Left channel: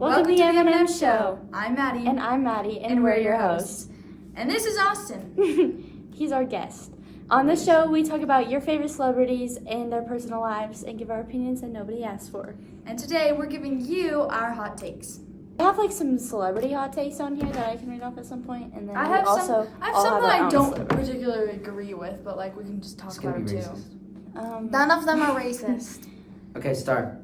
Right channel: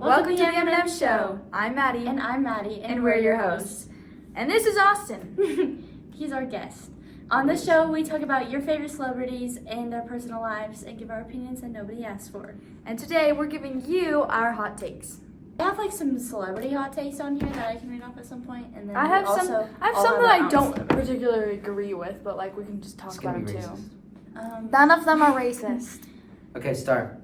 Welcome to the M&M Show. I'm Maddie. And I'm Maddie, and we're your hosts. And this is Austin. He's our guest. On this show, we talk about your favorite celebrities and their personal lives and give our opinions that nobody asked for. And today we're giving you our hot takes. I have like some celebrity hot takes on here that I can read off at some point, and then I have some that I don't celebrities. particularly agree with, but like we can just talk It's about gonna them be too. racist. None of them are racist. Okay, start.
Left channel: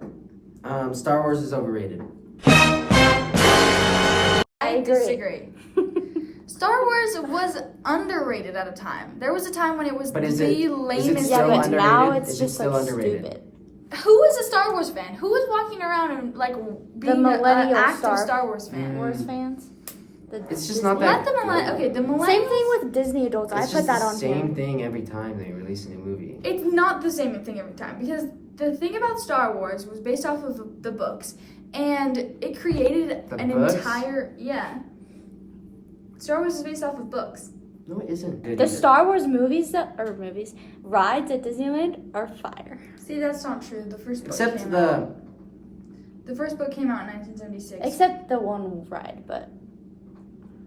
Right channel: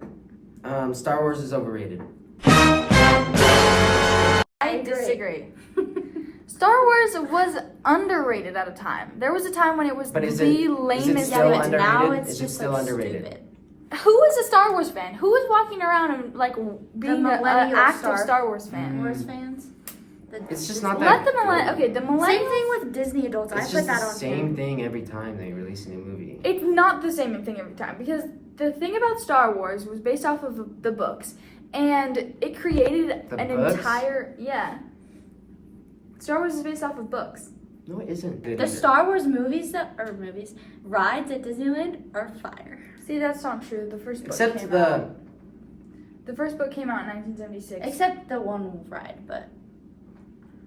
Star Wars is overrated. I agree. disagree. Star Wars was underrated at a time. There was a time when it was But is the it lamest still thing. underrated? Now it's Is it just still like underrated? stupid. Who is a Star Wars fan? Who is walking around and like being an millennial active Star Wars fan? Wars fans. It's just not that Let the millennials. Same thing with Disney adults. I It's put just that the on same here. thing every time they release a new movie. It's not the same thing every time because the thing about Star Wars was based off of the books, and it created The an books? entire Star Wars is based off of books. No, it isn't good The either. Star Wars rides at Disneyland are fire. See, that's not true. The first book Except came the... out. The first book came out in 1976. Except the one ride, but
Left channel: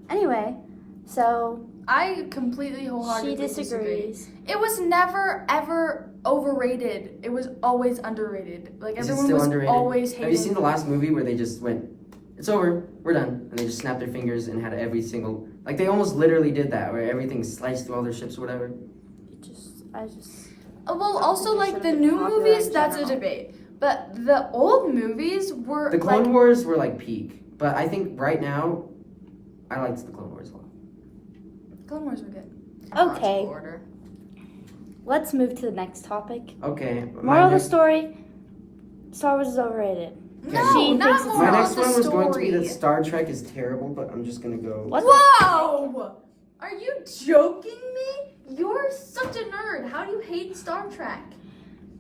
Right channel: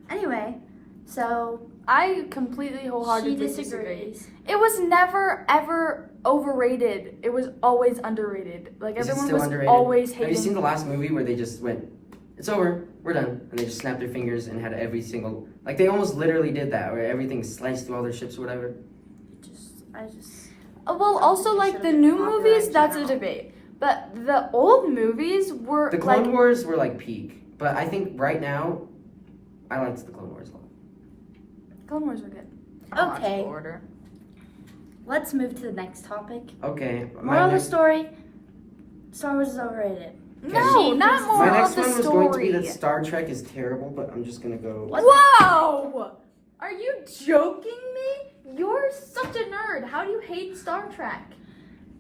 anyway, so I completely she wholeheartedly disagree. disagrees. It was never ever overrated. It was always underrated. Like Is it everyone still was underrated? always hating. Have you seen the last movie where they just went, it's over, we're done, and they just snapped their fingers and had every single... Like, they almost literally did that, where everything sliced through all their ships or whatever. I just Well, also It like should've the been new popular movies, in that's a general. debate. But the old movies were The Clone like, Wars were, like, peak. But I think right now, I liked the Clone Wars a lot. Clone Wars were good. Okay. Order. let's move to the next topic. Okay. Moral of the story: Star Wars is overrated. No, She not thinks- more My next of the one was story. going to be that Star Trek is terrible, but I'm just gonna go. What? Wow! Are you joking me? You're such a nerd. How do you hate Star Trek?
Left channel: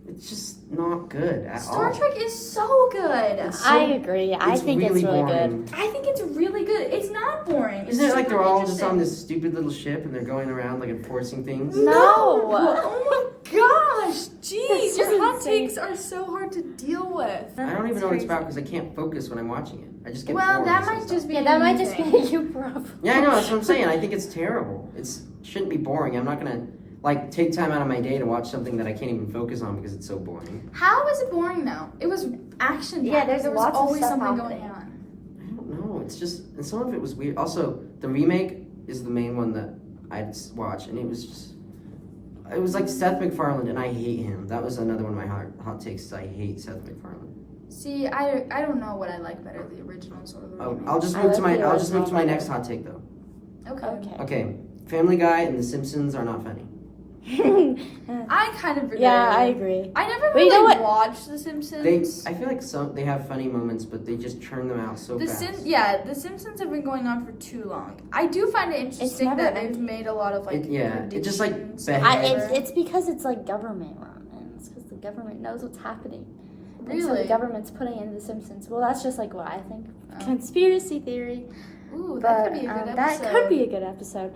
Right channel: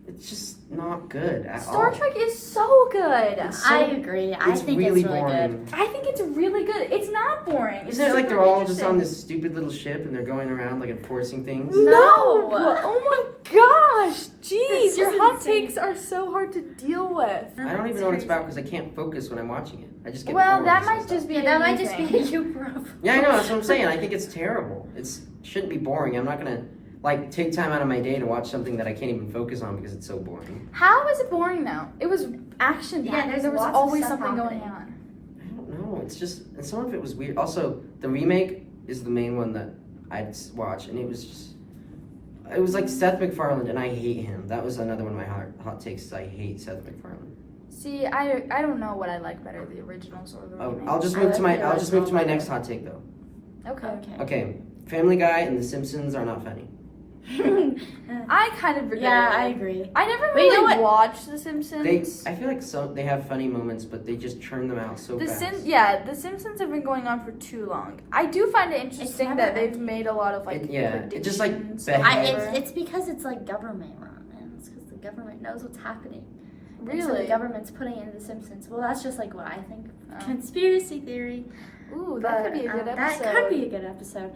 It's just not good at all. Star Trek is so good. It's so- I agree. I It's think really it's really boring. good. I think it's really good. It's not boring. Isn't it It's like they're super all just on interesting. this stupid little ship and they're going around like enforcing things? No! No. Oh my gosh! Jeez, This your is hot insane. takes are so hard to deal with. I don't even know what it's about because I can't focus when I'm watching it. I just get Well, bored. that and might stuff. just be Yeah, a that you might just thing. be a you problem. Yeah, I know. That's what I'm saying. I think it's terrible. It shouldn't be boring. I'm not gonna like take time out of my day to watch something that I can't even focus on because it's so boring. How is it boring though? It was action. Yeah, there's there was lots of always stuff something going happening. on. I don't know. It's just and some of it was weird. Also, the remake is the main one that I'd watch, and it was like Seth MacFarlane, and I hate him. That was another one of my hot takes. Is I hate Seth MacFarlane. See, I don't know what I like better, the originals or the remakes. I'll just I move to like the I'll just move to my original next hot take though. Okay. Okay. Okay, Family Guy and The Simpsons are not funny. I kind of agree. Yeah, I agree. I never But you know really what? watched The Simpsons. I feel like they have funny moments, but they just churn them out so fast. The Simpsons have been going on for too long. I do find it interesting never that they've ending. made a lot of like It just like predictions beheads. or whatever. It's because it's like government run, and it's because the government knows what's happening. And so Really? the government's putting in The Simpsons. Well, that's just like what I think. Oh. Conspiracy theory. Ooh, But, that could be a good episode. That could be a good episode.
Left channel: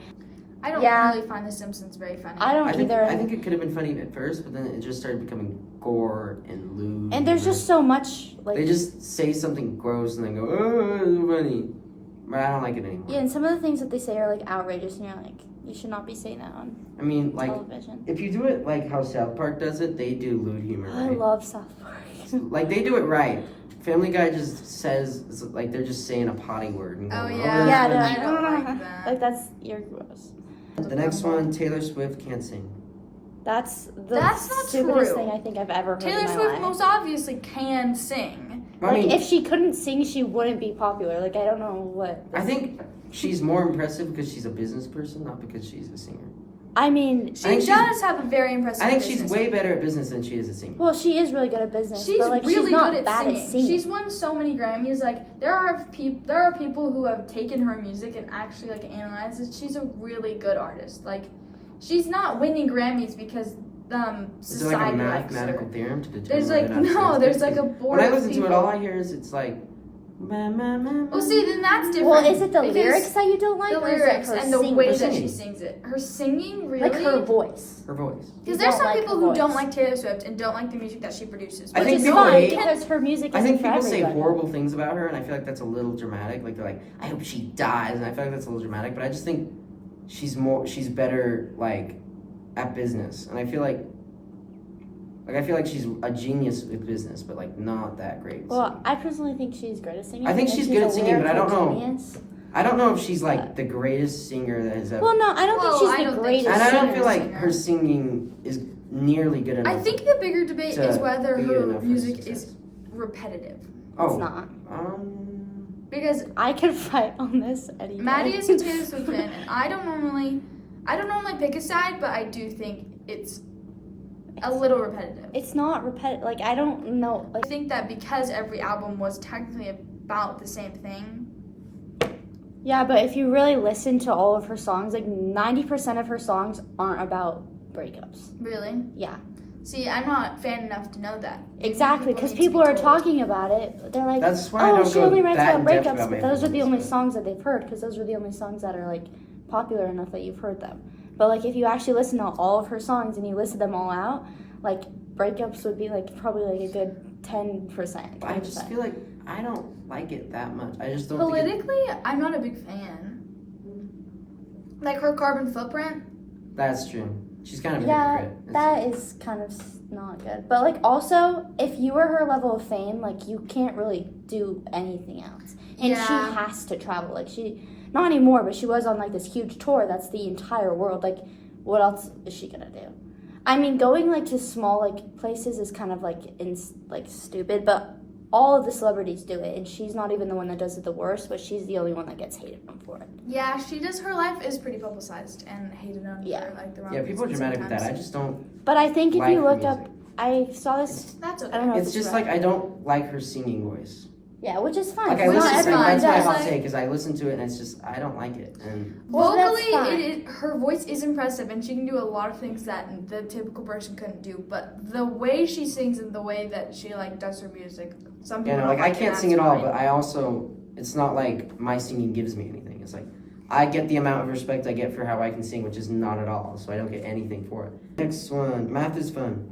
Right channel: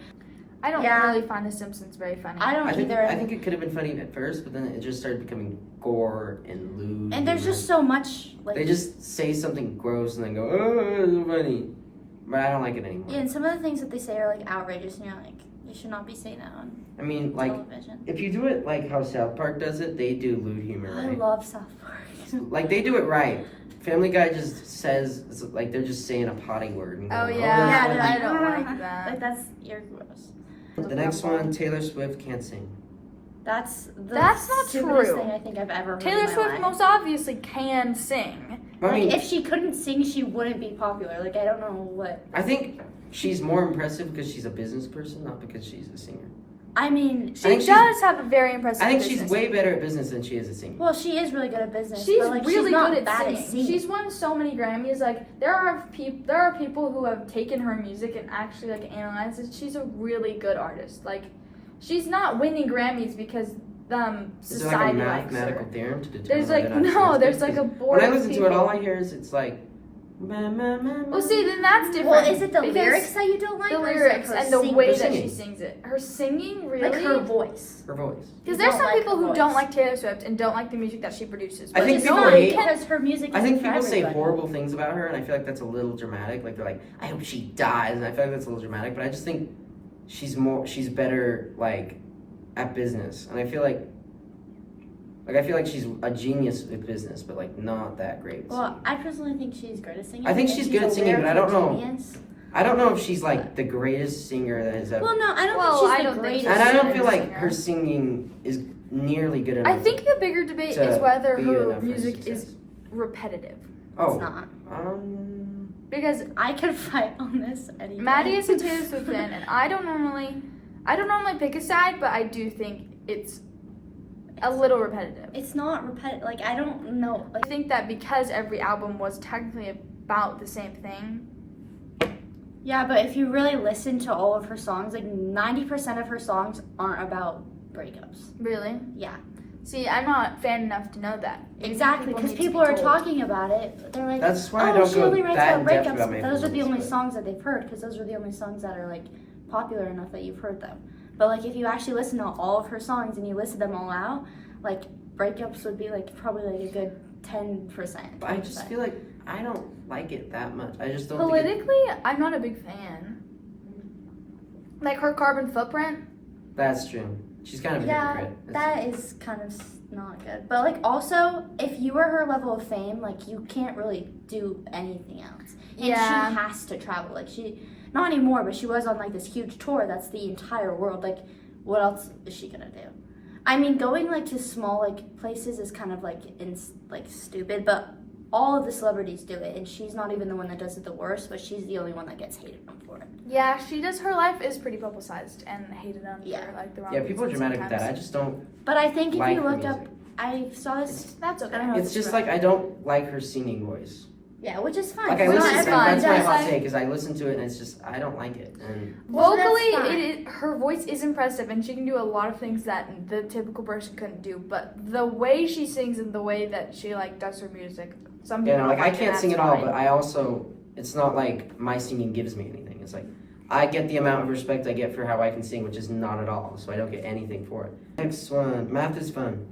I don't Yeah. really find The Simpsons very funny. I don't I think either. I think it could have been funny at first, but then it just started becoming gore and lewd. and there's just so much like. they just say something gross and then go, oh, it's funny. But I don't like it anymore. Yeah, and some of the things that they say are like outrageous, and you're like, you should not be saying that on I mean, like television. if you do it like how South Park does it, they do lewd humor, I right? love South Park. Like they do it right. Family Guy just says it's like they're just saying a potty word. And Oh going, yeah, Yeah, that's they're I funny." don't like, like that. Like that's you're gross. The next one, Taylor Swift can't sing. That's the That's not stupidest true. thing I think I've ever heard. Taylor in my Swift life. most obviously can sing. I Like, mean, if she couldn't sing, she wouldn't be popular. Like I don't know what. I think she's more impressive because she's a business person, not because she's a singer. I mean, She think does have a very impressive I think she's business. way better at business than she is at singing. well, she is really good at business. She's but, like, really she's not good at bad singing. She's won so many Grammys. Like there are people who have taken her music and actually like analyzed it. She's a really good artist. Like she's not winning Grammys because Is there society like a likes mathematical her. there's theorem to determine There's whether like or not no, she's there's good? like a Because board. when I of listen to it, people. all I hear is it's like Well, see, then that's different. Well, is it the because lyrics that you don't like? the or is it lyrics her and the singing? way Her that singing. she sings it? Her singing, really? Like her voice. Her voice. Because You there's don't some like people her who don't voice. like Taylor Swift and don't like the music that she produces. I Which think is people fine. hate- because her music. I think isn't for people say everybody. horrible things about her, and I feel like that's a little dramatic. Like they're like, I hope she dies, and I feel like that's a little dramatic. But I just think she's better like at business, and I feel like she's a genius with business, but like not that great. Well, I personally think she's great at singing. I think and she's good a at singing, but I don't lyrical know. genius. I don't know if she's like the greatest singer that has ever. Well, no, I don't Well, think I she's don't the think greatest. so. and I don't she's feel a like singer. her singing is nearly good enough. I think the bigger debate to is whether be her enough for music success. is repetitive. Oh, It's not. Because I could fight on this any day. Maddie is a Taylor Swift fan, and I don't normally pick a side, but I do think it's a little repetitive. It's not repetitive. Like, I don't know. I Like, think that because every album was technically about the same thing. yeah, but if you really listen to all of her songs, like 90% of her songs aren't about breakups. Really? Yeah. See, I'm not fan enough to know that. Maybe Exactly, because need to people be are told. talking about it. They're like, That's why I oh, don't she go only writes that about in depth breakups, about but my those are the feelings, only but- songs that they've heard, because those are the only songs that are, like, popular enough that you've heard them. But, like, if you actually listen to all of her songs and you listen them all out, like, breakups would be, like, probably, like, a good 10%. But I just feel like I don't like it that much. I just don't think Politically, I'm not a big fan. Like her Carbon Footprint. that's true. She's kind of a Yeah, hypocrite. It's- that is kind of not good. But, like, also, if you were her level of fame, like, you can't really do anything else. And Yeah. she has to travel. Like, not anymore, but she was on, like, this huge tour that's the entire world. Like, what else is she gonna do? I mean, going, like, to small, like, places is kind of, like, stupid, but all of the celebrities do it, and she's not even the one that does it the worst, but she's the only one that gets hated on for it. Yeah, she does. Her life is pretty publicized and hated on Yeah. for like the wrong Yeah, people are reasons dramatic with that. I sometimes. just don't But I think if like you her looked up, music. I saw this, That's okay. I don't know. It's just like I don't like her singing voice. yeah, which is fine. Like I Not listen to everyone that's my does. hot take is I listen to it and it's just I don't like it. And Well, that's Vocally, fine. her voice is impressive, and she can do a lot of things that the typical person couldn't do. But the way she sings and the way that she like does her music, some people you know, like don't I like can't and sing at that's all, fine. but I also it's not like my singing gives me anything. It's like I get the amount of respect I get for how I can sing, which is not at all. So I don't get anything for it. Next one, math is fun.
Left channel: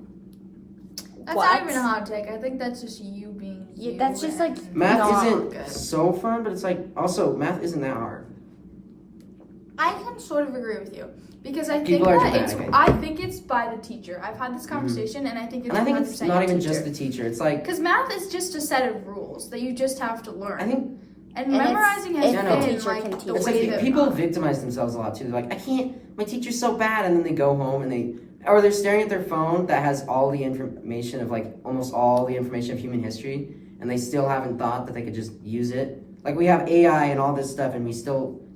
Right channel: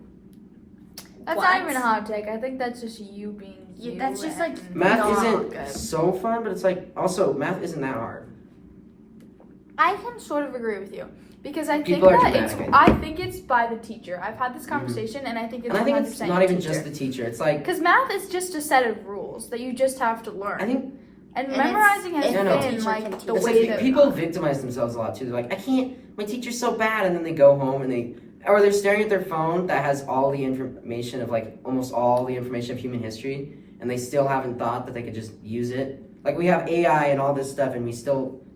That's What? not even a hot take. I think that's just you being you. That's just, like, and- Math Not isn't good. so fun, but it's like also math isn't that hard. I can sort of agree with you because I People think are that it's. dramatic. I think it's by the teacher. I've had this conversation, and I think it's. And I think it's 100% not even teacher. just the teacher. It's like Because math is just a set of rules that you just have to learn. I think and it's- memorizing has if the been teacher like can the teach it's way like that people victimize themselves a lot too. They're like, I can't. My teacher's so bad, and then they go home and they're staring at their phone that has all the information of like almost all the information of human history, and they still haven't thought that they could just use it. Like we have AI and all this stuff, and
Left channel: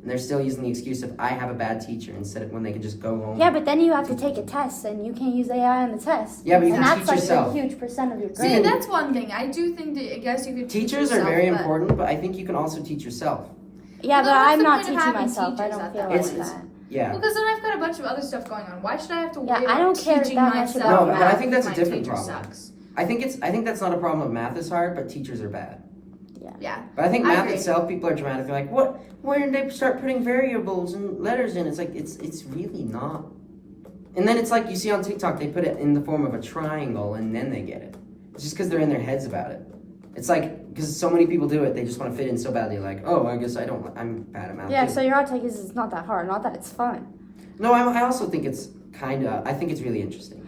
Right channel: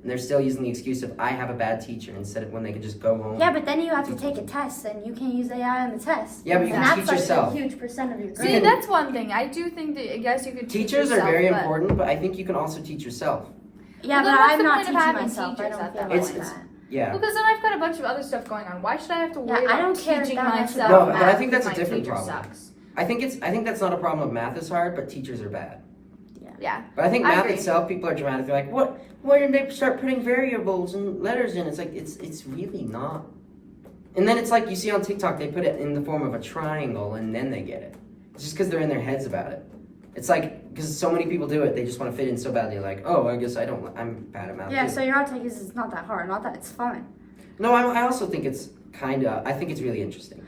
they're still using the excuse of I have a bad teacher instead of when they could just go home. Yeah, but then you have to take a test, and you can't use AI in the test. Yeah, but you and can that's teach like yourself. a huge percent of your See, grade. that's one thing. I do think that I guess you could. teach Teachers are yourself, very but- important, but I think you can also teach yourself. Yeah, Well, but then what's I'm the not point of teaching having myself. I teachers don't at feel that like point? It's- that. Yeah. Well, because then I've got a bunch of other stuff going on. Why should I have to worry Yeah, I about don't care teaching that much myself? about No, but I math think that's a if my different teacher problem. Sucks. I think that's not a problem. Math is hard, but teachers are bad. Yeah. But I think I math agree. itself, people are dramatic. They're like, what? Why did they start putting variables and letters in? It's like it's really not. And then it's like you see on TikTok, they put it in the form of a triangle, and then they get it. It's just because they're in their heads about it. It's like because so many people do it, they just want to fit in so badly. Like, oh, I guess I'm bad at math. Yeah, too. so your hot take is it's not that hard, not that it's fun. No, I also think it's I think it's really interesting.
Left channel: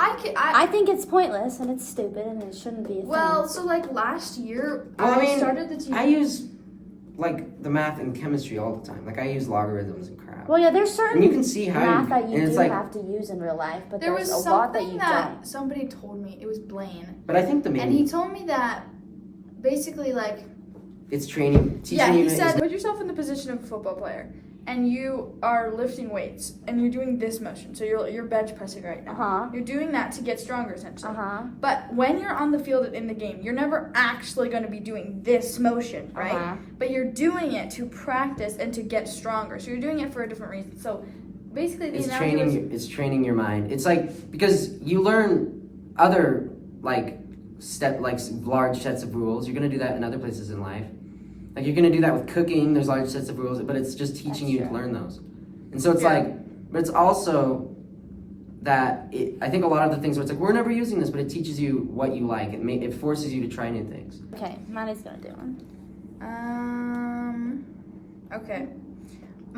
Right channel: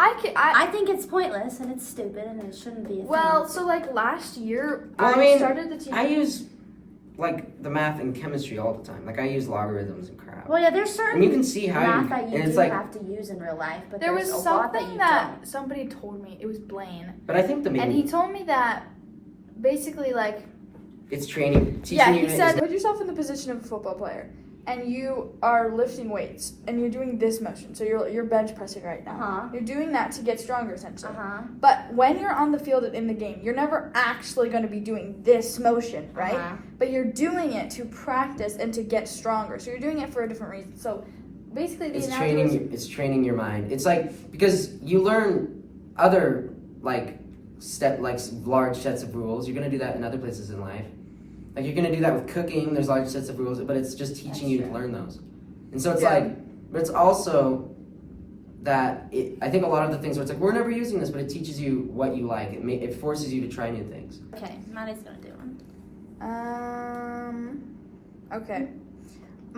I think it's pointless and it's stupid and it shouldn't be a Well, thing. so like last year, Well, I mean, started the teaching. I use like the math and chemistry all the time. Like I use logarithms and crap. Well, yeah, there's certain And you can see how math that and you it's do like, have to use in real life, but there there's was a lot that something you that don't. somebody told me. It was Blaine, but I think the and he main told me that basically like it's training, teaching yeah, you. he said is- put yourself in the position of a football player, and you are lifting weights, and you're doing this motion. So you're bench pressing right now. Uh-huh. You're doing that to get stronger, essentially. Uh-huh. But when you're on the field in the game, you're never actually going to be doing this motion, right? Uh-huh. But you're doing it to practice and to get stronger. So you're doing it for a different reason. So basically, the it's analogy training. It's training your mind. It's like because you learn other like large sets of rules. You're gonna do that in other places in life. Like you're gonna do that with cooking. There's large sets of rules, but it's just teaching you to learn those. And so it's but it's also that I think a lot of the things where it's like we're never using this, but it teaches you what you like. It forces you to try new things. Okay, Maddie's gonna do one. Okay.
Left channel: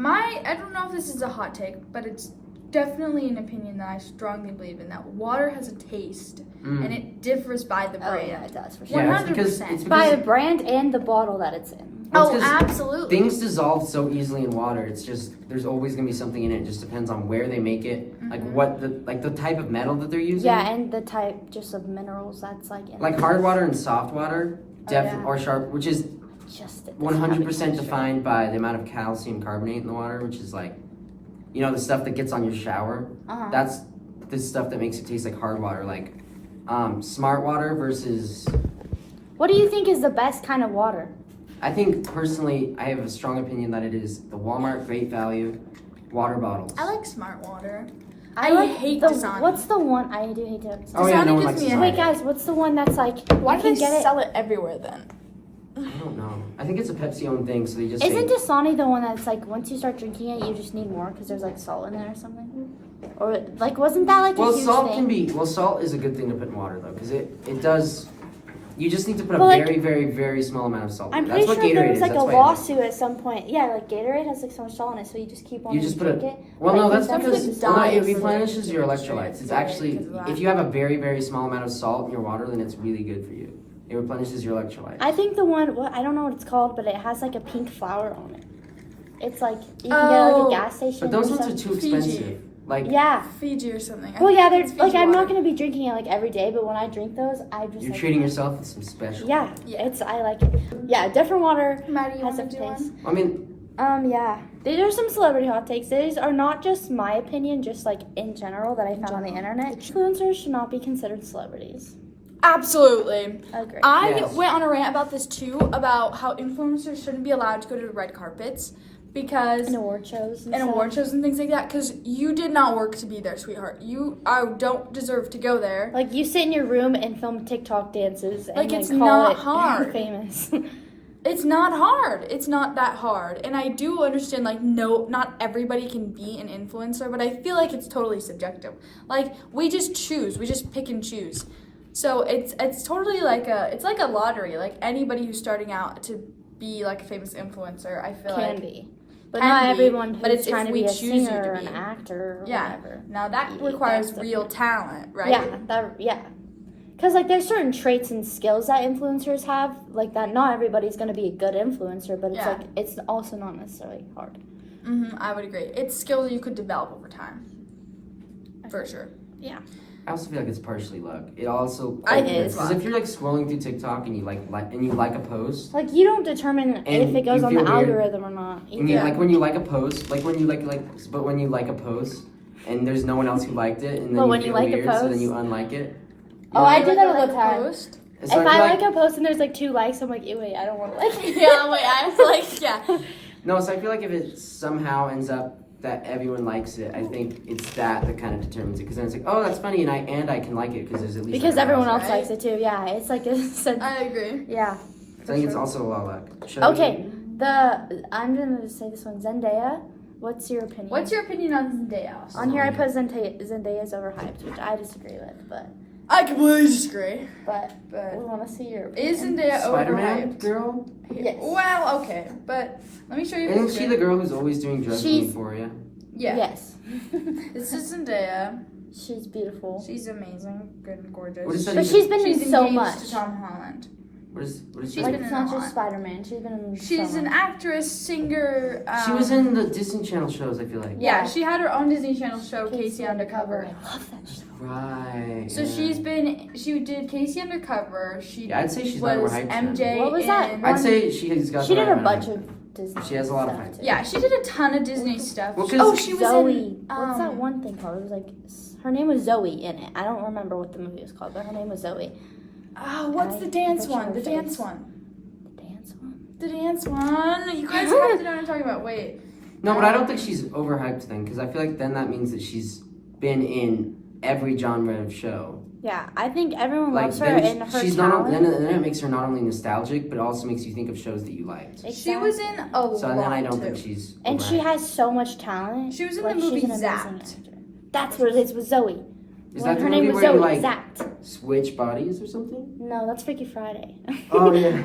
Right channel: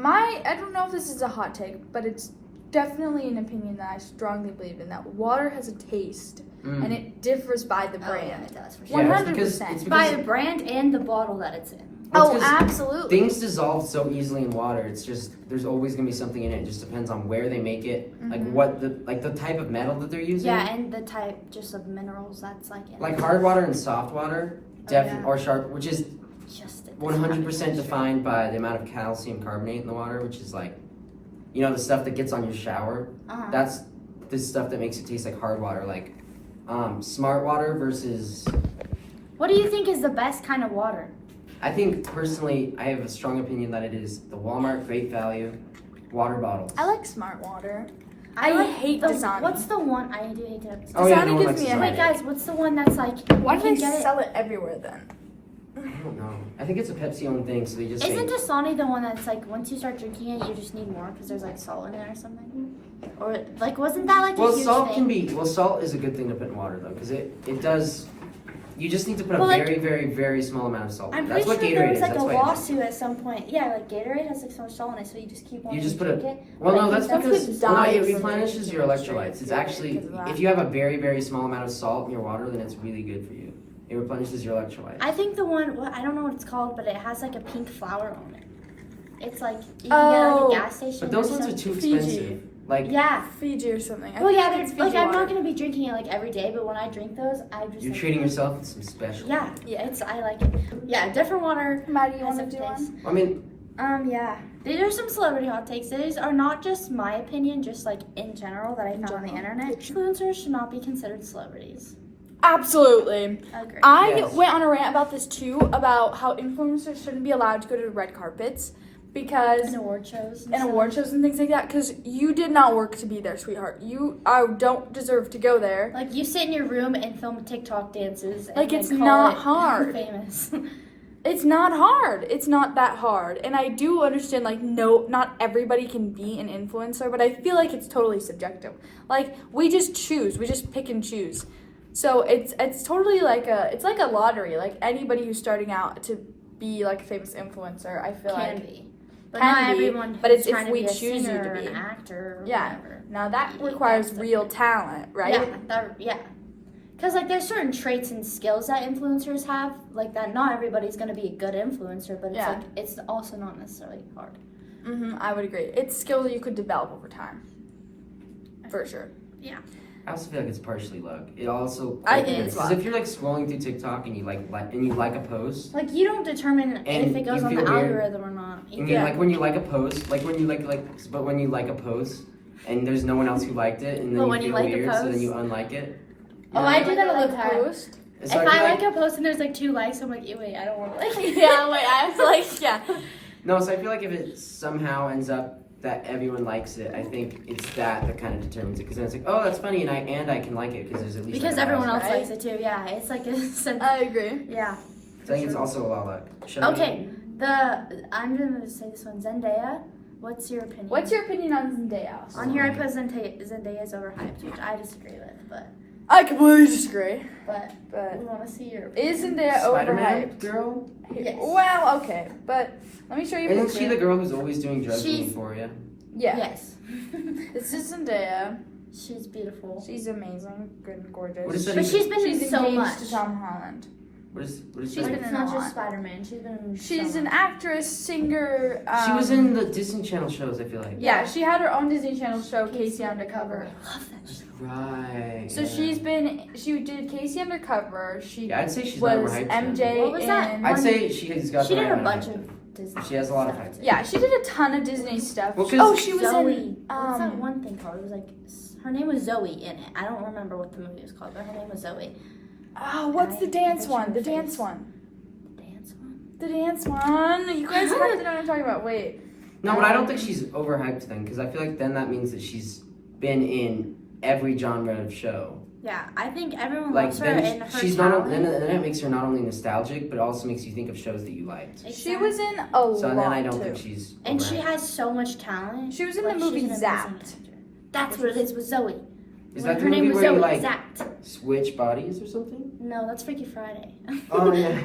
I don't know if this is a hot take, but it's definitely an opinion that I strongly believe in, that water has a taste and it differs by the Oh, brand. yeah, it does for sure. 100%. It's By because the brand and the bottle that it's in. Oh, absolutely. things dissolve so easily in water. It's just there's always gonna be something in it. It just depends on where they make it, like what the type of metal that they're using. Yeah, and the type just of minerals that's like in Like hard water and soft water, or sharp, which is just 100% defined by the amount of calcium carbonate in the water, which is like, the stuff that gets on your shower. That's the stuff that makes it taste like hard water, like smart water versus. What do you think is the best kind of water? I think personally, I have a strong opinion that it is the Walmart Great Value water bottles. I like Smart Water. I like hate Dasani. What's the one? I do hate Dasani. Oh yeah, no one Dasani likes gives me Dasani. Wait, guys, what's the one that's like? Why you do can they get it? sell it everywhere then? I don't know. I think it's a Pepsi-owned thing, so they just Isn't say. Dasani the one that's like once you start drinking it, you just need more because there's like salt in it or something? Or like wasn't that like Well, a huge salt thing? can be. Well, salt is a good thing to put in water though, because it does. You just need to put a Well, like- very, very, very small amount of salt. I'm That's pretty what sure Gatorade there was is. like That's a why. lawsuit at some point. Yeah, like Gatorade has like so much salt in it, so you just keep on. You just put drink it. it. Well, no, Like, that's some because kids well, no, die it from replenishes drinking your it straight electrolytes. It's Gatorade actually because of that. if you have a very, very small amount of salt in your water, then it's really good for you. It replenishes your electrolytes. I think the one. Well, I don't know what it's called, but it has like a pink flower on it. It's like you can get it like a gas station. But those or ones are something. too Fiji. expensive. Like Yeah. Fiji or something. I Well, think yeah, it's they're like Fiji I'm not water. gonna be drinking it like every day, but when I drink those, I just you're like, treating yourself with some special. Yeah, I like it. Yeah, different water. Maddie, you has want a to do taste. one? I mean, Yeah. These are some celebrity hot takes. These are not just my opinion, just like in general that I found on the internet. Influencers should not be considered celebrities. Absolutely. I agree. I Yes. went on a rant about this too, about how influencers shouldn't be allowed to go to red carpets because In award shows. and award shows and things like that, because you did not work to be there, sweetheart. I don't deserve to go there. Like you sit in your room and film TikTok dances. And, Like, it's call not it hard. Famous. It's not hard. It's not that hard. And I do understand, like, no, not everybody can be an influencer, but I feel like it's totally subjective. Like, we just choose. We just pick and choose. So it's totally like it's like a lottery. Like, anybody who's starting out to be, like, a famous influencer, I feel Can like be. But can not be, everyone who's but it's if trying to we be a choose you singer to or be. an actor or Yeah. whatever. Now, that Yeah, requires that's real talent, right? Yeah. Because, like, there's certain traits and skills that influencers have, like, that not everybody's going to be a good influencer, but it's, Yeah. like, it's also not necessarily hard. I would agree. It's skill that you could develop over time. For sure. I also feel like it's partially luck. It also I think it's because luck. if you're like scrolling through TikTok and you like a post, Like, you don't determine And if it goes you on the feel weird. algorithm or not. and you like when you like a post, like when you but when you like a post and there's no one else who liked it, and But then when you you feel like a weird, so then post- you unlike it. Oh, I You do that like all a the time. post? And so If I I feel like a post and there's, like, 2 likes, I'm like, ew, wait, I don't want to like it. Yeah, wait, I have to, like, yeah. No, so I feel like if it somehow ends up that everyone likes it, I think it's that kind of determines it. Because then it's like, oh, that's funny, and I can like it because there's at least Because like, a everyone house. else likes it, too. Yeah, it's like a sense. I agree. Yeah. So I think it's also a lot of luck. Should Okay, I'm gonna say this one. Zendaya, what's your opinion? What's your opinion on Zendaya? On here I put Zendaya's overhyped, which I disagree with, but I completely disagree. we But want to see your. is Zendaya Spider-Man overhyped? girl? Yes. Well, okay, but let me show you. a Isn't picture. she the girl who's always doing drugs in She's- Euphoria? Yeah. Yes. This is Zendaya. She's beautiful. She's amazing, good and gorgeous. What is that But even? she's been She's in so engaged much. to Tom Holland. What is She's that? been It's in not a just lot. Spider-Man. She's been in. She's so an much. actress, singer. She was in the Disney Channel shows, I feel like. Yeah, she had her own Disney Channel show, Casey Undercover. I love that show. Right. So yeah. she did Casey Undercover. She Yeah, I'd say she's not was overhyped. then. MJ What was that? in. I'd say she's got She the did right a amount bunch of of Disney. She has a lot of stuff, hype. too. Yeah, she did a ton of Disney stuff. Well, 'cause oh, she was Zoe. in. What's that one thing called? It was like her name was Zoe in it. I don't remember what the movie was called, but her name was Zoe. Oh, what's the dance one? The dance one. The dance one. The dance one. You guys have to know what I'm talking about. Wait. No, but I don't think she's overhyped then, because I feel like then that means that she's been in every genre of show. Yeah, I think everyone Like loves her then and her she's not talent. then it makes her not only nostalgic, but it also makes you think of shows that you liked. She was in a lot So then I don't too. think she's. And she overacting. has so much talent. She was in Like, the movie she's an amazing Zapped. actor. That's what it is with Zoe. Is When that the her name movie was where you Zoe, like Zapped. switch bodies or something? No, that's Freaky Friday. Oh, yeah.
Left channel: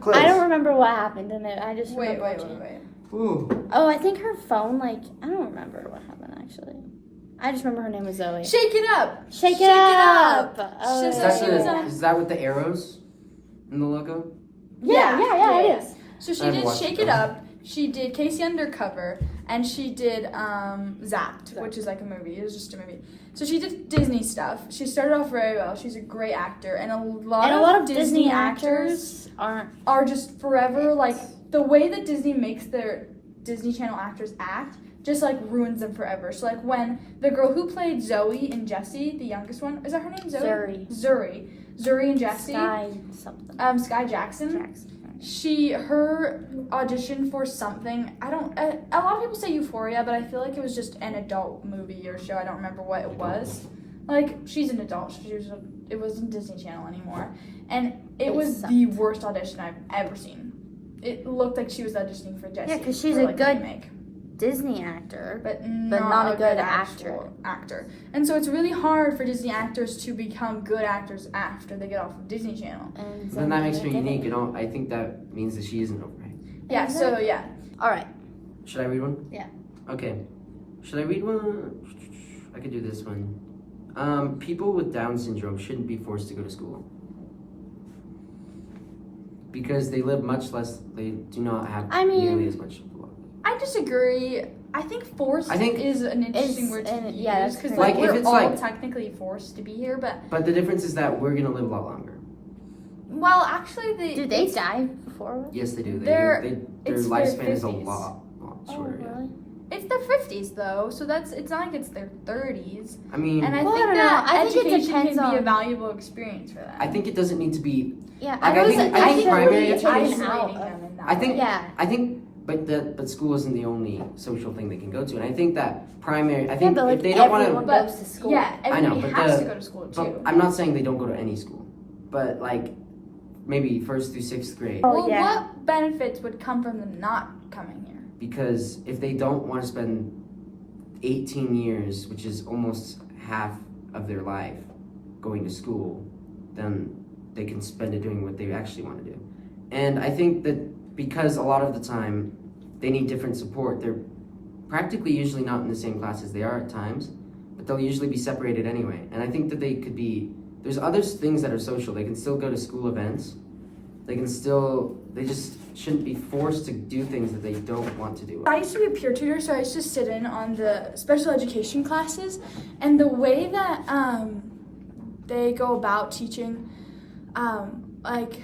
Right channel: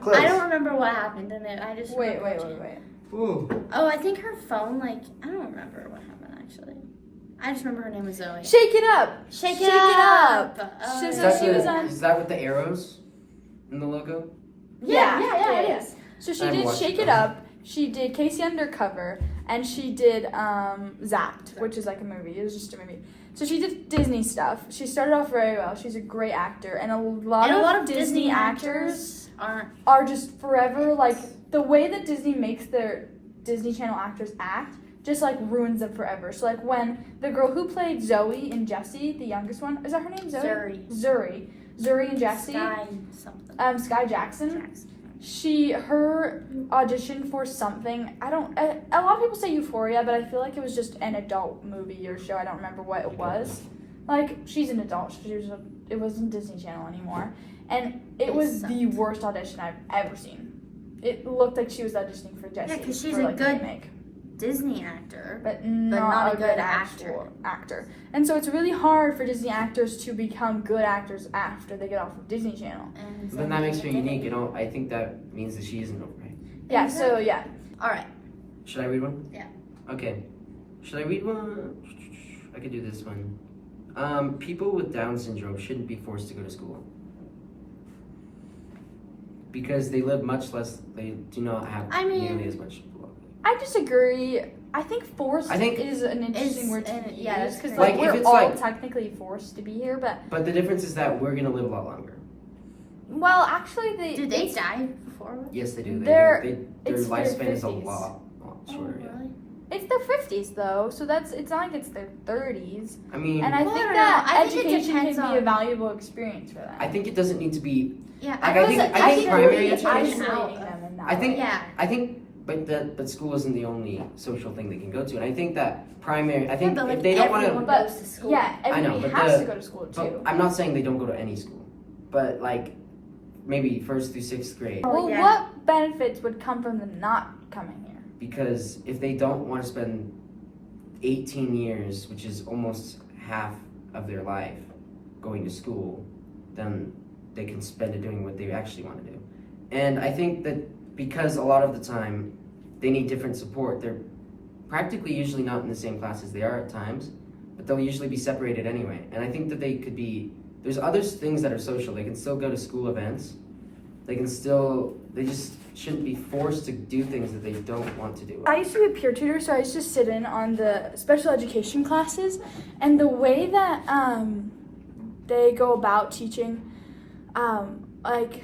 Close. I don't remember what happened in it. I just Wait. remember watching it. Ooh. Oh, I think her phone, like, I don't remember what happened actually. I just remember her name was Zoe. Shake It Up. Shake Shake It Up. Oh, She Is was yeah. that, she was on- is that with the arrows in the logo? Yeah, it is. So she I haven't did watched Shake it, It though. Up. She did Casey Undercover, and she did Zapped, which is like a movie. It was just a movie. So she did Disney stuff. She started off very well. She's a great actor, and a lot of Disney actors aren't. are just forever like the way that Disney makes their Disney Channel actors act just like ruins them forever. So like when the girl who played Zoe and Jessie, the youngest one, is that her name? Zoe? Zuri and Jessie. Sky something. Sky Jackson. Her audition for something. A lot of people say Euphoria, but I feel like it was just an adult movie or show. I don't remember what it was. Like she's an adult. It wasn't Disney Channel anymore, and it was the worst audition I've ever seen. It looked like she was auditioning for Jessie. Yeah, 'cause she's for, a like, good remake. Disney actor. But not a good actual actor. And so it's really hard for Disney actors to become good actors after they get off of Disney Channel. And Then that makes her Zoe did unique. it. You know, I think that means that she isn't overrated. Yeah, so yeah. All right. Should I read one? Yeah. Okay. Should I read one? I could do this one. People with Down syndrome shouldn't be forced to go to school. Because they live much less, they do not have nearly as much. I disagree. I think forced is an interesting word to use. Yeah, that's because Like, if we're it's all like- technically forced to be here, but But the difference is that we're gonna live a lot longer. well, actually, Do they die before? Yes, they do. Their Their it's their lifespan is a 50s. lot Oh, shorter. Yeah. really? it's their 50s though, so it's not like it's their 30s. I mean, And I Well, I think don't that know. I think it education depends can be a on- valuable experience for them. I think it doesn't need to be. Yeah. Like, I think primary it's education- isolating them in that I think- way. Yeah. I think, but school isn't the only social thing they can go to, and I think that primary. I think but, like, if they don't want everyone to, But goes to school. yeah, everybody but has the- to go to school too. but I'm not saying they don't go to any school, but like maybe 1st through 6th grade. Oh, Well, yeah. what benefits would come from them not coming here? Because if they don't want to spend 18 years, which is almost half of their life, going to school, then they can spend it doing what they actually want to do. And I think that because a lot of the time they need different support, they're practically usually not in the same classes. They are at times, but they'll usually be separated anyway. And I think that they could be, there's other things that are social. They can still go to school events. They just shouldn't be forced to do things that they don't want to do. I used to be a peer tutor, so I used to sit in on the special education classes, and the way that they go about teaching, like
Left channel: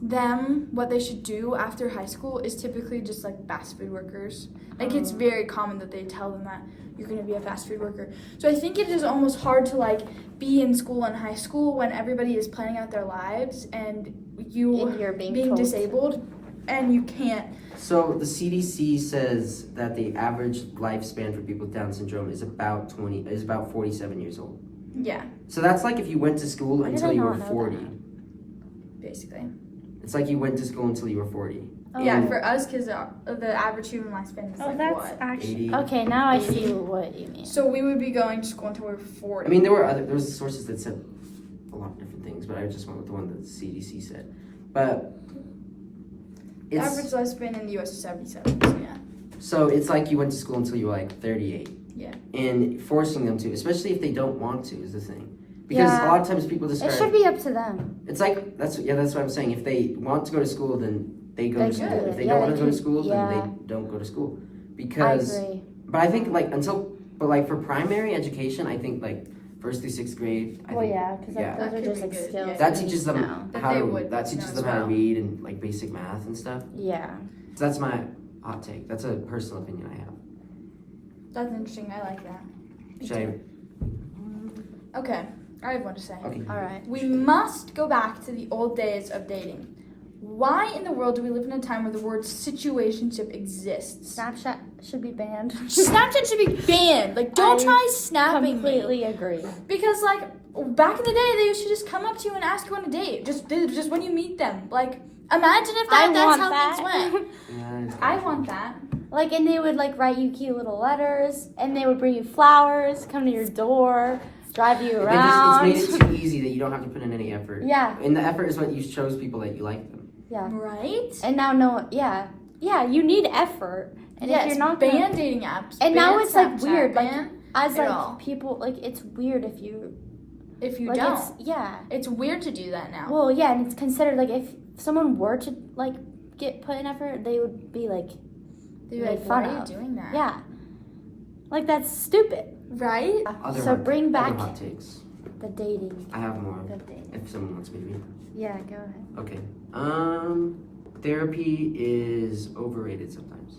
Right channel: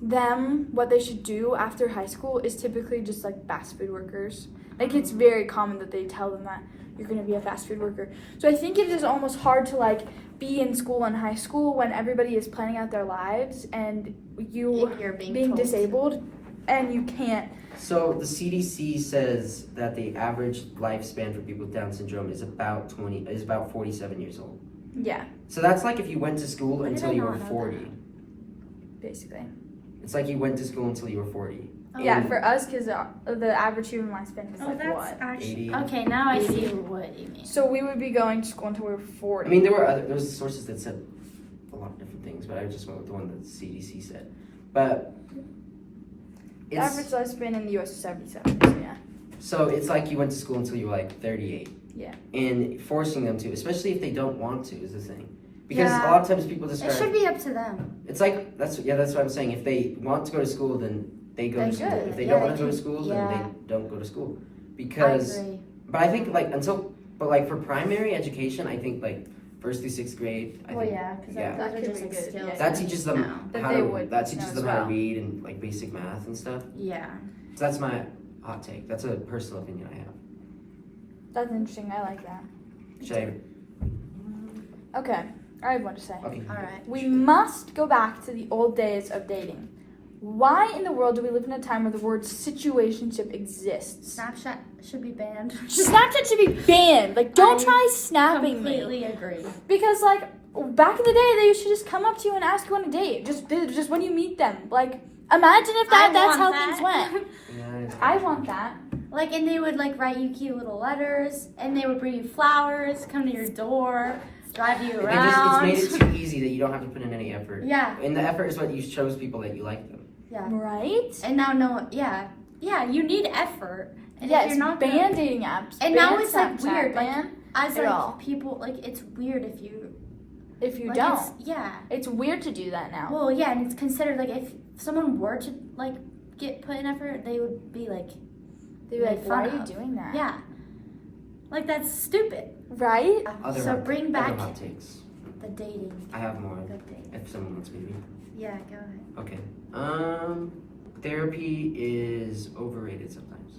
them what they should do after high school is typically just like fast food workers. Like it's very common that they tell them that you're going to be a fast food worker. So I think it is almost hard to like be in school and high school when everybody is planning out their lives and you're being being told. disabled and you can't. So the CDC says that the average lifespan for people with Down syndrome is about 47 years old. Yeah, So that's like if you went to school did until I you were not know 40. basically. It's like you went to school until you were 40. Yeah, for us, because the average human lifespan is Oh, like that's what? actually 80. okay. Now I see what you mean. So we would be going to school until we were 40. I mean, there was sources that said a lot of different things, but I just went with the one that the CDC said. But the average lifespan in the U.S. is 77. So yeah. So it's like you went to school until you were like 38. Yeah. And forcing them to, especially if they don't want to, is the thing. Because Yeah. a lot of times people It describe. should be up to them. It's like that's what I'm saying. If they want to go to school, then they go They to school. should. If they Yeah, don't they want to go to can- school, yeah. then they don't go to school. I Because, agree. but I think like for primary education, I think like 1st through 6th grade. I Well, think yeah, because yeah. those That are could just be like good, skills. yeah. that teaches them now. That how they to would that teaches know them as how to well. read and like basic math and stuff. Yeah. So that's my hot take. That's a personal opinion I have. That's interesting. I like that. Should I? Okay, I have one to say. Okay. All right. We must go back to the old days of dating. Why in the world do we live in a time where the word situationship exists? Snapchat should be banned. Snapchat should be banned. Like, don't try snapping me. Completely agree. Because, like, back in the day, they used to just come up to you and ask you on a date. Just when you meet them. Like, imagine if that's how things went. Yeah, it's I kinda want true. that. Like, and they would like write you cute little letters, and they would bring you flowers, come to your door, drive you They around. just, it's made it too easy that you don't have to put in any effort. Yeah, And the effort is what you shows people that you like them. yeah. Right? And now you need effort. And Yeah, if it's you're not ban gonna, dating apps. And ban now it's, like, Snapchat, weird, like, ban as it like all. people, like it's weird if you if you like, don't. It's Weird to do that now. well, yeah, and it's considered like if someone were to like get put in effort, they would be like, They'd be like, made why fun are you of. doing that? yeah, like that's stupid. Right? So bring back other hot takes. the dating. I have more The dating. if someone wants me to read. Yeah, go ahead. Okay. Therapy is overrated sometimes.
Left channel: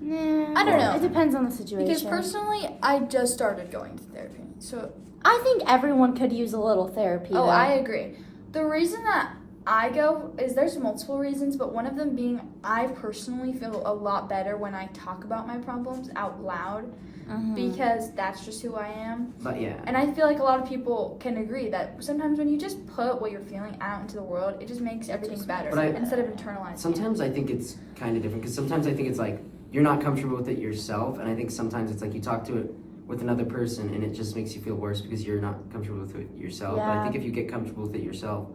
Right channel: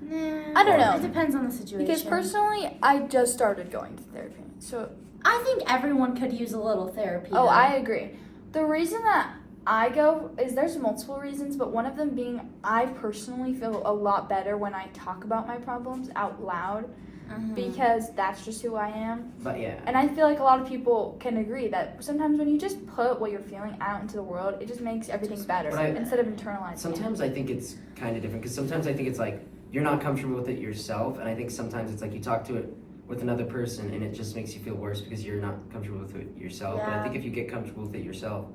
Nah, I don't know. It depends on the situation. Because personally, I just started going to therapy. So, I think everyone could use a little therapy. oh, though. I agree. The reason that I go is there's multiple reasons, but one of them being I personally feel a lot better when I talk about my problems out loud Mhm. because that's just who I am. But yeah. And I feel like a lot of people can agree that sometimes when you just put what you're feeling out into the world, it just makes everything better But instead of internalizing Sometimes I think it's kind of different because sometimes I think it's like you're not comfortable with it yourself, and I think sometimes it's like you talk to it with another person and it just makes you feel worse because you're not comfortable with it yourself. But I Yeah. think if you get comfortable with it yourself,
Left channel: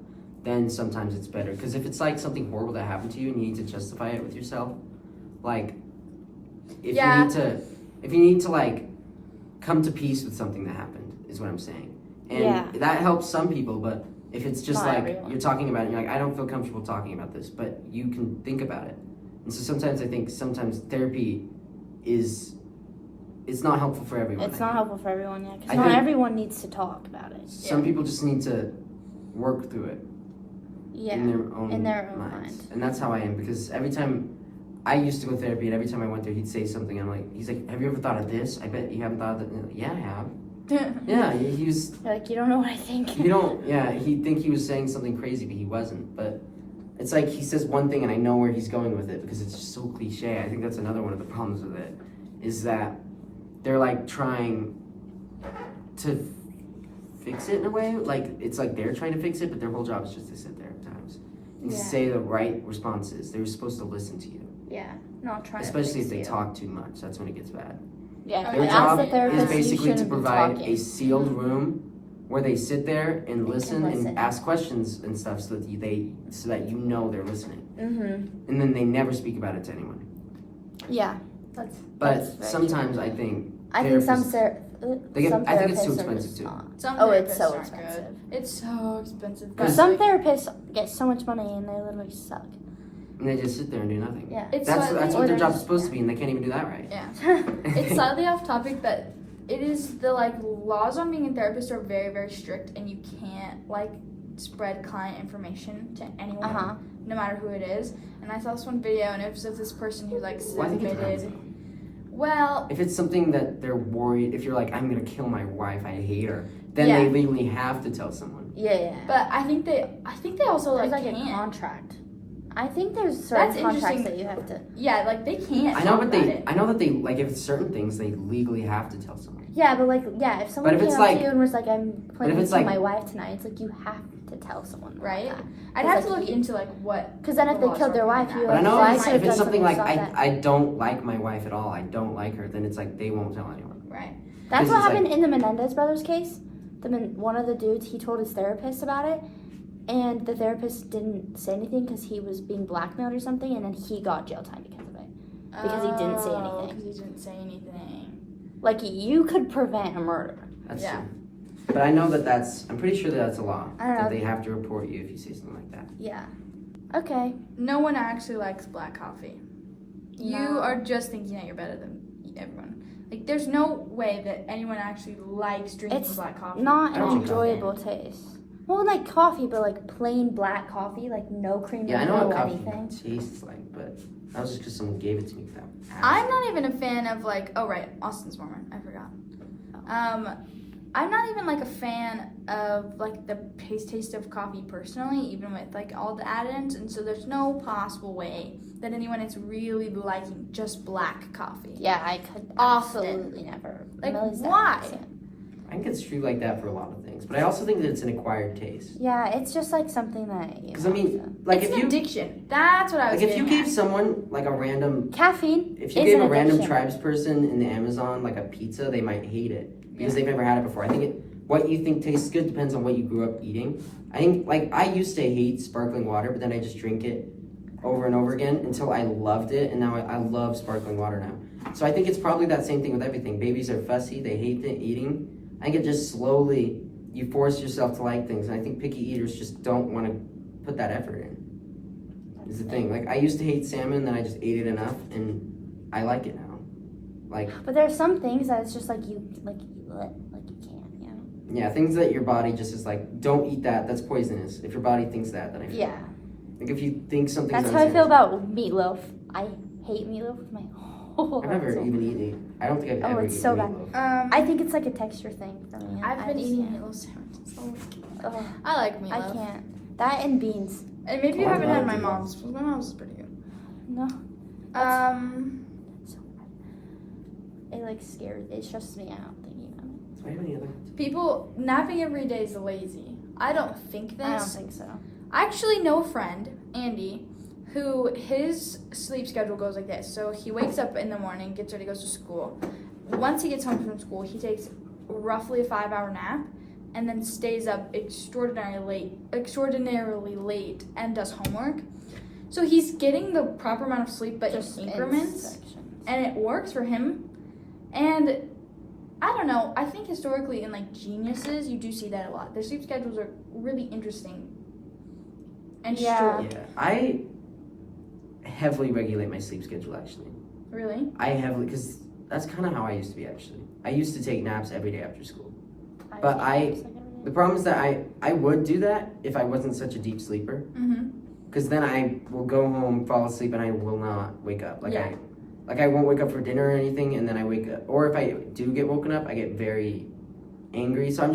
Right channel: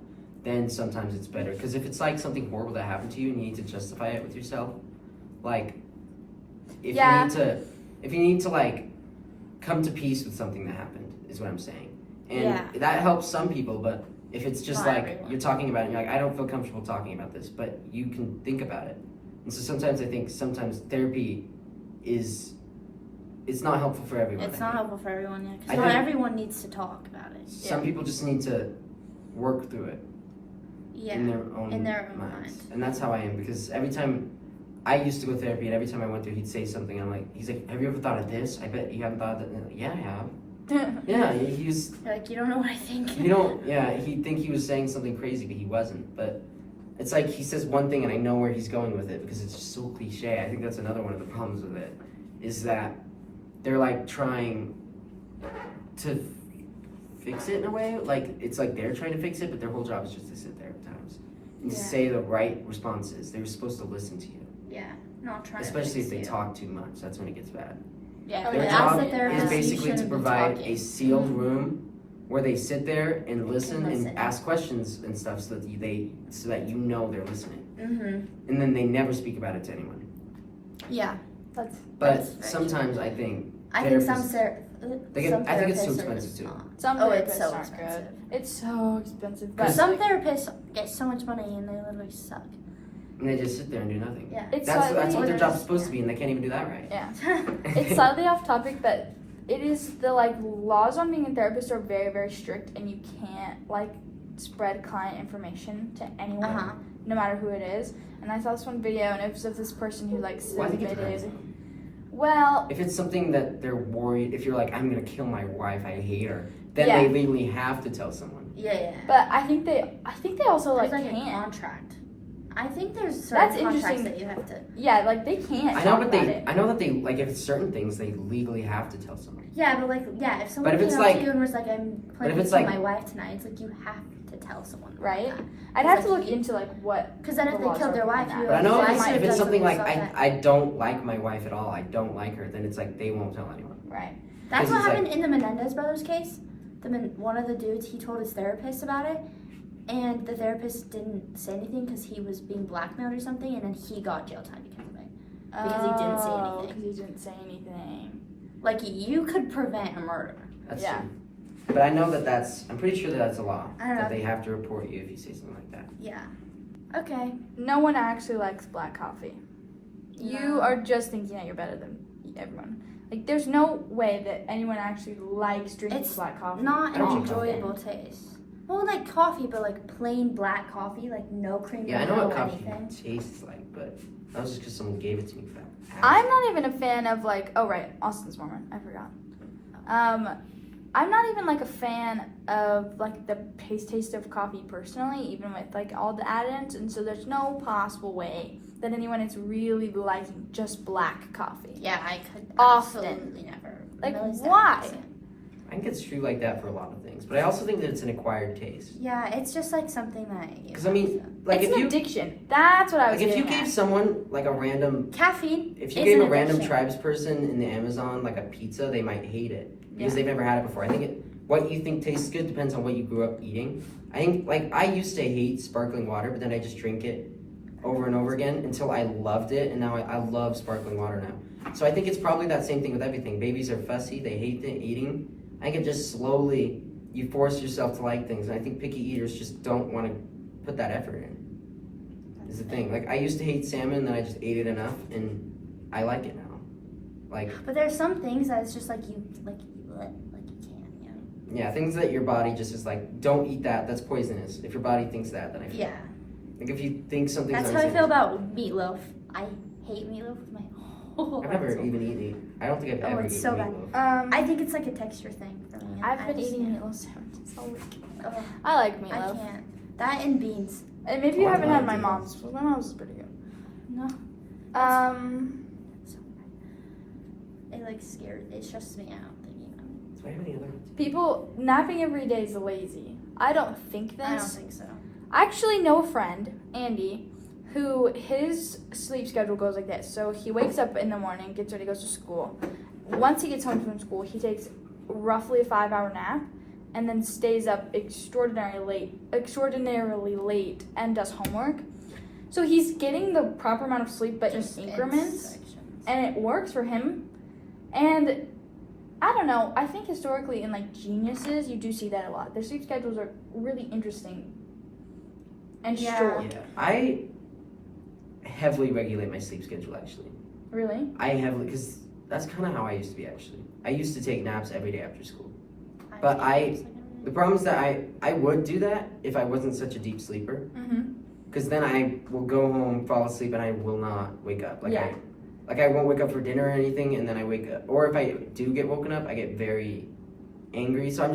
then sometimes it's better. Because if it's like something horrible that happened to you and you need to justify it with yourself, like if Yeah. you need to like come to peace with something that happened, is what I'm saying. And Yeah. that helps some people, but if it's just Not like everyone. you're talking about it and you're like, I don't feel comfortable talking about this, but you can think about it. And so sometimes I think therapy it's not helpful for everyone. It's I not think. helpful for everyone yet. I Because not think- everyone needs to talk about it. Some people just need to work through it Yeah. in their own own minds. mind. And that's how I am because every time I used to go to therapy and every time I went there he'd say something and I'm like, he's like, have you ever thought of this? I bet you haven't thought of that. And I'm like, yeah, I have. Yeah, he was, You're like, you don't know what I think. he'd think he was saying something crazy, but he wasn't. But it's like he says one thing and I know where he's going with it because it's just so cliche. I think that's another one of the problems with it is that they're like trying to fix it in a way. Like it's like they're trying to fix it, but their whole job is just to sit there at times and Yeah. to say the right responses. They're supposed to listen to you, Yeah. Not trying especially if to they fix you. talk too much. That's when it gets bad. Yeah. Their Their if job that's the therapist, is you basically to shouldn't be provide talking. a sealed Mhm. room where they sit there and listen listen. and ask questions and stuff so that you know they're listening. Mhm. And then they never speak about it to anyone. Yeah. That's But That's very sometimes I think I think some therapists- I think it's too therapists are expensive just too. not. some Oh, therapists it's so aren't expensive. good. It's so expensive. Because But Some therapists get so much money and they literally suck. and they just sit there and do nothing. Yeah. it's That's slightly, what their Or job's they- supposed to be, and they can't even do that right. yeah. It's slightly off topic, but it is the like laws on being a therapist are very, very strict, and you can't like spread client information to anyone, Uh-huh. no matter who it is. And I saw this one video, and it was of this person who like Well, I think it depends. submitted. though. Well, If it's something that they're worried, if you're like, I'm gonna kill my wife, I hate her, then Yeah. they legally have to tell someone. Yeah. but I think they also There's like like a can't. contract. I think there's certain That's contracts interesting. that you have to. Yeah, like they can't. I know, talk but about they, it. I know that they like if it's certain things they legally have to tell someone. Yeah, but like, yeah, if someone But if came it's up like- to you and was like, "I'm planning it's to kill like- my wife tonight," it's like you have to tell someone, Right? Because I'd have to like, look you- into like what. then if the they laws killed are their behind wife, that. you But I know Yeah, if I it's, might if it's judge something like yourself I don't like my wife at all, I don't like her, then it's like they won't tell anyone. Right. That's Because what it's like- happened in the Menendez brothers case. One of the dudes, he told his therapist about it, and the therapist didn't say anything because he was being blackmailed or something, and then he got jail time because of it. Because he didn't say anything. Because he didn't say anything. Like, you could prevent a murder. That's Yeah. true. But I know that I'm pretty sure that's a law. I don't know. That they have to report you if you say something like that. Yeah. Okay. No one actually likes black coffee. You No. are just thinking that you're better than everyone. Like, there's no way that anyone actually likes drinking It's black coffee. Not I an don't drink coffee. enjoyable taste. Well, like coffee, but like plain black coffee, like no cream, Yeah, I know no what coffee anything. tastes like, but that was just because someone gave it to me without asking. I'm not even a fan of like. Oh right, Austin's Mormon. I forgot. I'm not even like a fan of like the taste of coffee personally, even with like all the add-ins, and so there's no possible way that anyone is really liking just black coffee. Yeah, I could Often. absolutely never. Like, Melissa why? doesn't. I think it's true like that for a lot of things, but I also think that it's an acquired taste. Yeah, it's just like something that. Because I mean, like It's if an you addiction. That's what I was like if you getting gave at. someone like a random caffeine. if you is gave an a random addiction. tribes person in the Amazon like a pizza, they might hate it because Yeah. they've never had it before. I think what you think tastes good depends on what you grew up eating. I think like I used to hate sparkling water, but then I just drink it over and over again until I loved it, and now I love sparkling water now. So I think it's probably that same thing with everything. Babies are fussy; they hate eating. I think it just slowly you force yourself to like things, and I think picky eaters just don't want to put that effort in. Is the thing. Like I used to hate salmon, then I just ate it enough, and I like it now. Like But there's some things that it's just like you can't. yeah, things that your body just is like, don't eat that. That's poisonous. If your body thinks that, then I feel. Yeah, Like if you think something's that's how I feel unsanitary. about meatloaf. I hate meatloaf with my whole I've never soul. even eaten it. I don't think I've ever it's eaten so bad. meatloaf. I think it's like a texture thing for me. I've I been just eating can't. meatloaf sandwiches all week. Ugh, I like I meatloaf. can't. That and beans. And maybe you Oh, I haven't had love my meatloaf. mom's. Well, my mom's is pretty good. No, it like scares. It stresses me out thinking about it. Do I have any other? People napping every day is lazy. I don't think I don't this. think so. I actually know a friend, Andy, who his sleep schedule goes like this. So he wakes up in the morning, gets ready, goes to school. Once he gets home from school, he takes roughly a 5-hour nap and then stays up extraordinarily late and does homework. So he's getting the proper amount of sleep but Just in increments, sections. and it works for him. And I don't know, I think historically in like geniuses, you do see that a lot. Their sleep schedules are really interesting and Yeah. short. Yeah, I heavily regulate my sleep schedule. Actually, Really? I heavily because that's kind of how I used to be. Actually, I used to take naps every day after school. I But think I- it's like The problem is that I would do that if I wasn't such a deep sleeper. Mm-hmm. Because then I will go home, fall asleep, and I will not wake up. Yeah. I won't wake up for dinner or anything, and then I wake up. Or if I do get woken up, I get very angry. So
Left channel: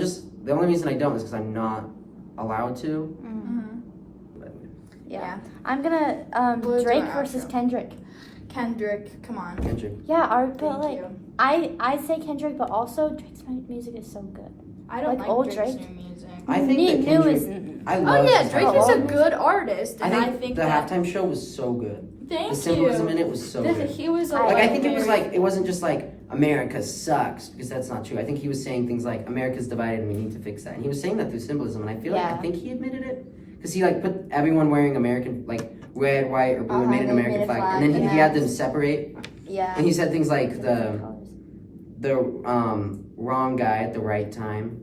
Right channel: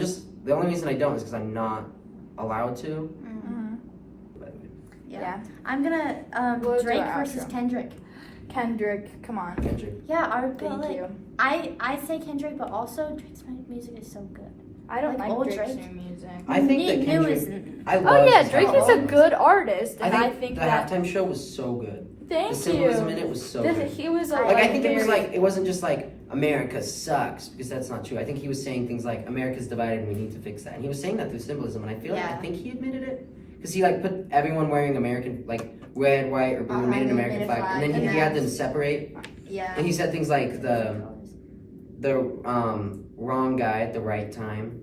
the only reason I don't is because I'm not allowed to. Mm-hmm. But Yeah. I'm gonna We'll do Drake our versus outro. Kendrick. Kendrick, come on. Kendrick, Yeah, Thank you. I'd say Kendrick, but also Drake's music is so good. I don't Like like old Drake's Drake? new music. I think that New Kendrick. is I Oh love yeah, his Drake album. is a good artist, and I think the that. halftime show was so good. Thank The symbolism you. in it was so The- good. He was Like I think it was very- like it wasn't just like America sucks because that's not true. I think he was saying things like America's divided and we need to fix that. And he was saying that through symbolism, and I feel like I Yeah. think he admitted it because he like put everyone wearing American like red, white, or blue and made an they American made a flag, flag, and then he yeah. had them separate. Yeah. And he said things like the wrong guy at the right time,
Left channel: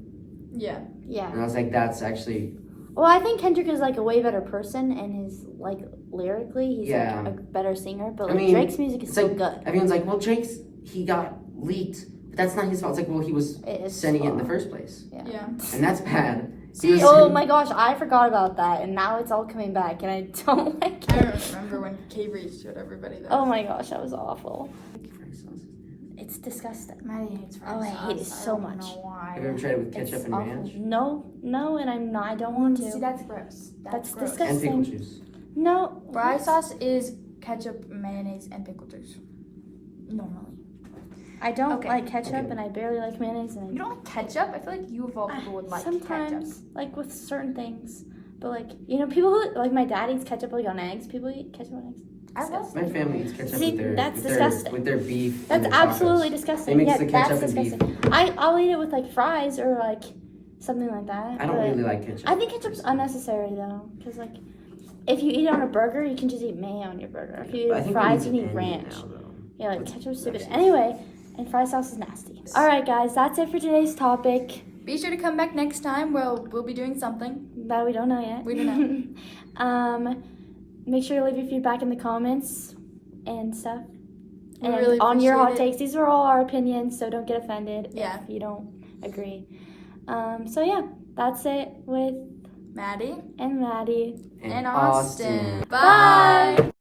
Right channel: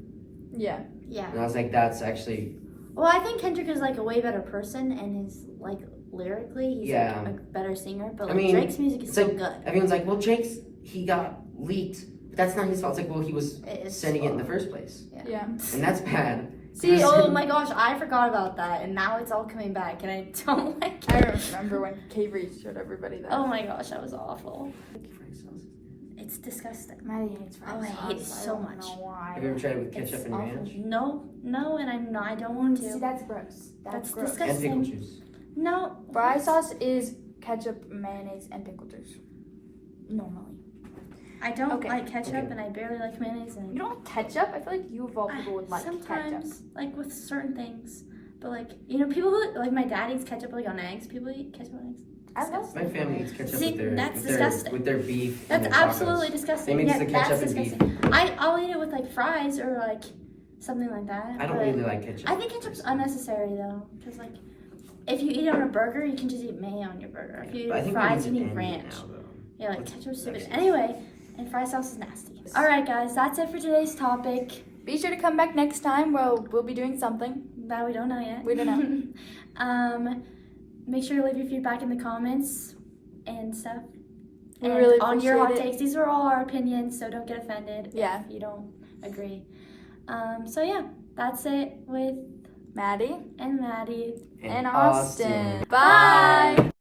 Yeah. Yeah. and I was like, that's actually Well, I think Kendrick is like a way better person, and his like lyrically, he's Yeah. like a better singer. But I like mean, Drake's music is it's so like- good. everyone's like, well, he got leaked, but that's not his fault. It's like, well, he was It is sending it in the fault. first place, Yeah. and that's bad. He See, was- oh my gosh, I forgot about that, and now it's all coming back, and I don't like I it. remember when K-Reed showed everybody that. Oh my gosh, that was awful. It's disgusting. Maddie hates fries. Oh, I hate it so don't much. know why. Have you ever tried it with It's ketchup and awful. ranch No, and I don't want to. See, that's gross. That's That's gross. disgusting. and pickle juice? No. Fry sauce is ketchup, mayonnaise, and pickle juice. Normally. I don't Okay. like ketchup, Okay. and I barely like mayonnaise. And You don't like ketchup? I feel like you of all people would like ketchup. sometimes, like with certain things. But like, you know, people who like my dad eats ketchup like on eggs. People eat ketchup on eggs. I love My family eats ketchup See, with their that's disgusting. with their beef. That's and their tacos. absolutely disgusting. They mix yeah, the ketchup that's and beef. disgusting. I'll eat it with like fries or like something like that. I don't but really like ketchup. I think ketchup's unnecessary though, because like if you eat it on a burger, you can just eat mayo on your burger. If you eat I it think with we fries, you need need to end it ranch. now, though. Yeah, like Let's- ketchup's stupid. let's- Anyway, and fry sauce is nasty. All right, guys, that's it for today's topic. Be sure to come back next time where we'll be doing something. That we don't know yet. We don't know. Make sure to leave your feedback in the comments and stuff. We And really on your hot appreciate it. takes, these are all our opinions, so don't get offended Yeah. if you don't agree. So yeah, that's it with Maddie and Maddie. and Austin. Austin. Bye.